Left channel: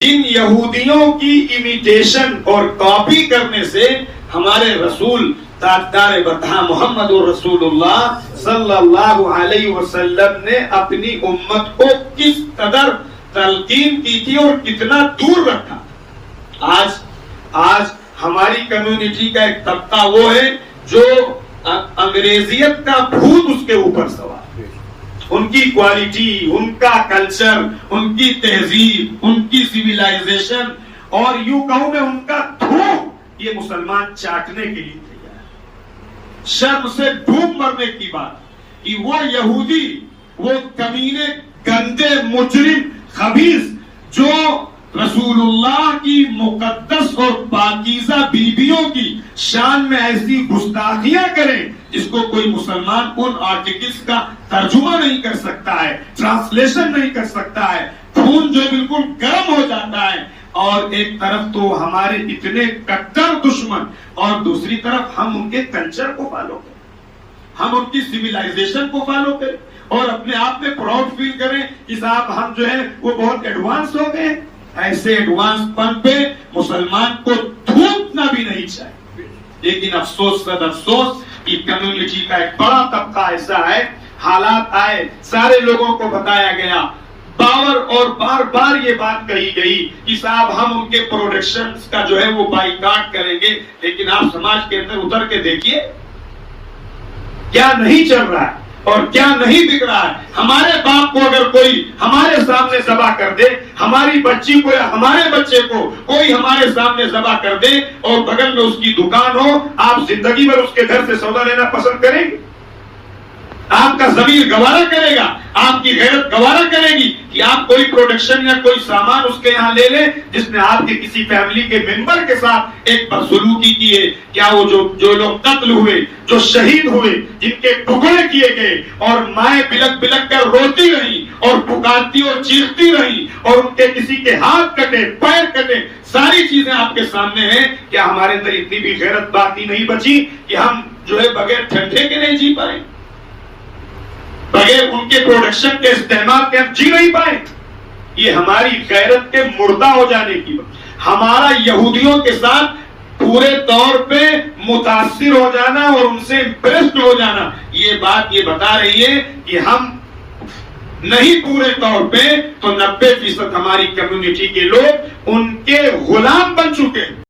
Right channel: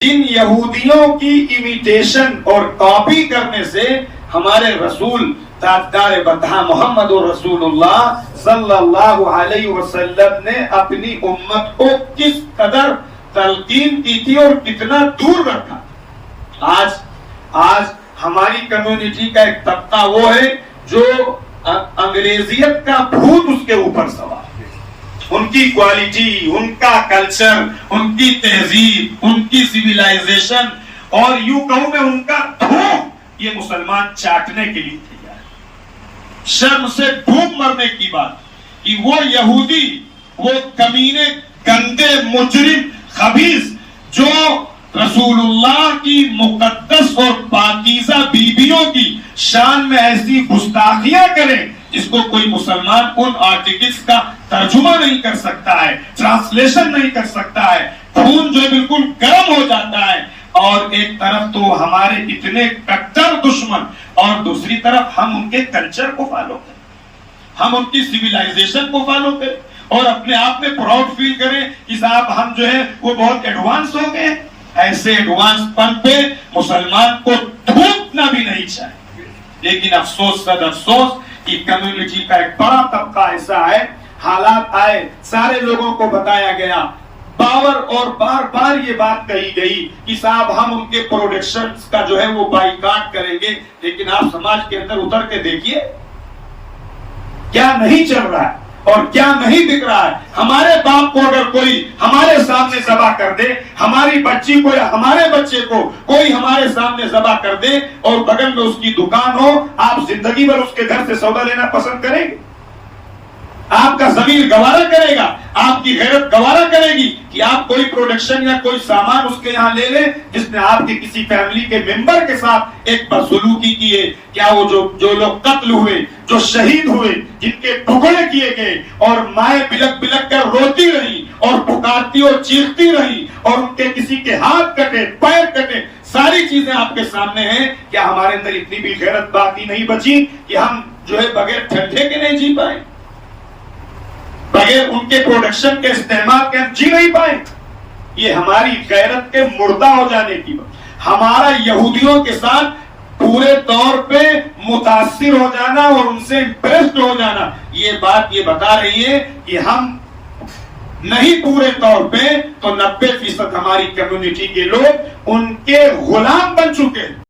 جن یہودیوں کی امیٹیشن اور کاپی کرنے سے ہمارے رسول تاجدار بطحہ محمد رسول اللہ صلی اللہ علیہ وسلم نے اپنی امت کو کس قدر تلقین کی تھی اور کتنا دور رکھا۔ آج ہماری کمیونٹی کا ایک طبقہ وہ ہے جو انگریزیت کا بھوت اس کے اوپر سوار ہے۔ ان کی کوالٹی، ان کا کلچر، ان کی تہذیب، ان کی سویلائزیشن اور یوں کہوں میں ان کا دھوم، یہ مسلمان چاٹنے کے لیے تیار ہے۔ شرم سے ڈوب مرنے کی بات کہ وہ یہودی، وہ کمینے، گندے، مجرم، خبیث جو رسول اللہ کی مقدس اور پاکیزہ بیویوں کی شان میں ایسی گستاخیاں کریں جس کو کوئی مسلمان ان آرٹیکلز کا ترجمہ نہیں کر سکتا ہے، ٹرانسلیشن نہیں کر سکتا ہے، خون جو بالکل گرم ہو جاتا ہے۔ اور ایک طرف تو ہمارے اتنے کٹر دشمن اور دوسری طرف ہم ان کے کلچر کو فالو کریں، ہم ان کی سویلائزیشن کو فالو کریں اور اپنے آپ میں پراؤڈ فیل کریں کہ صاحب ہم جو ہے وہ بہت ایڈوانس ہو گئے۔ ایسے ایڈوانس پن پہ مسلمان کو تھوکنا بھی نہیں چاہیے۔ لیکن افسوس قد افسوس کہ کمیونٹی کا ایک بڑا طبقہ ایسا ہے، حالات آئے، سارے لوگوں کو بتایا گیا، اور بار بار یہ بات کہی گئی کہ صاحب ہم ان کے پروڈکشنز کا جو ہے وہ بائیکاٹ کریں گے، لیکن آپ سماج کے اندر اتر کے دیکھیے کیا نہیں چل رہا ہے اور کیا نہیں بک رہا ہے۔ ہمارے باپ کو اگر کوئی ہمارے سامنے ذبح کر دے، ہماری بچی کو یا ہمارے بچے کو کوئی ہمارے سامنے ذبح کر دے اور بغل میں اس کی دکان ہو، آپ زندگی بھر اس کے گھر سے سودا لینا پسند کریں گے؟ آپ کا ضمیر گوارا کرے گا، آپ کی غیرت گوارا کرے گی کہ آپ کوئی پروڈکشن یا کوئی سامان اس کے یہاں لے لیں جس نے آپ کے کسی فیملی کے ممبر کے ساتھ ایک بدسلوکی کی ہے؟ کیا وہ جو لوگ قتل ہوئے، جو شہید ہوئے، جن کے ٹکڑے کیے گئے اور مائیں بلک بلک کر روتی رہی اور پکارتی اور چیختی رہی اور ان کے کسی کے ہاتھ کٹے، پیر کٹے، ساری چیزیں آپ کے سامنے ہیں، کیا ہمارے اندر اتنی بھی غیرت باقی نہیں بچی کہ ہم جو ہے بغیر ٹھنڈے کے نہیں جی پائیں، بغیر ان کے پروڈکشن کے استعمال کے ہم جی نہیں پائیں؟ یہ ہماری غیرت کے مردہ ہو جانے کی بات۔ ہمارا یہودیوں کے ساتھ پورے طور پہ متاثر ہو جانا اور ان سے امپریسڈ ہو جانا، یہ بات یہ بتا رہی ہے کہ ہم نہیں پورے طور پہ تو 90% ہماری کمیونٹی کے لوگ ان کے غلام بن چکے۔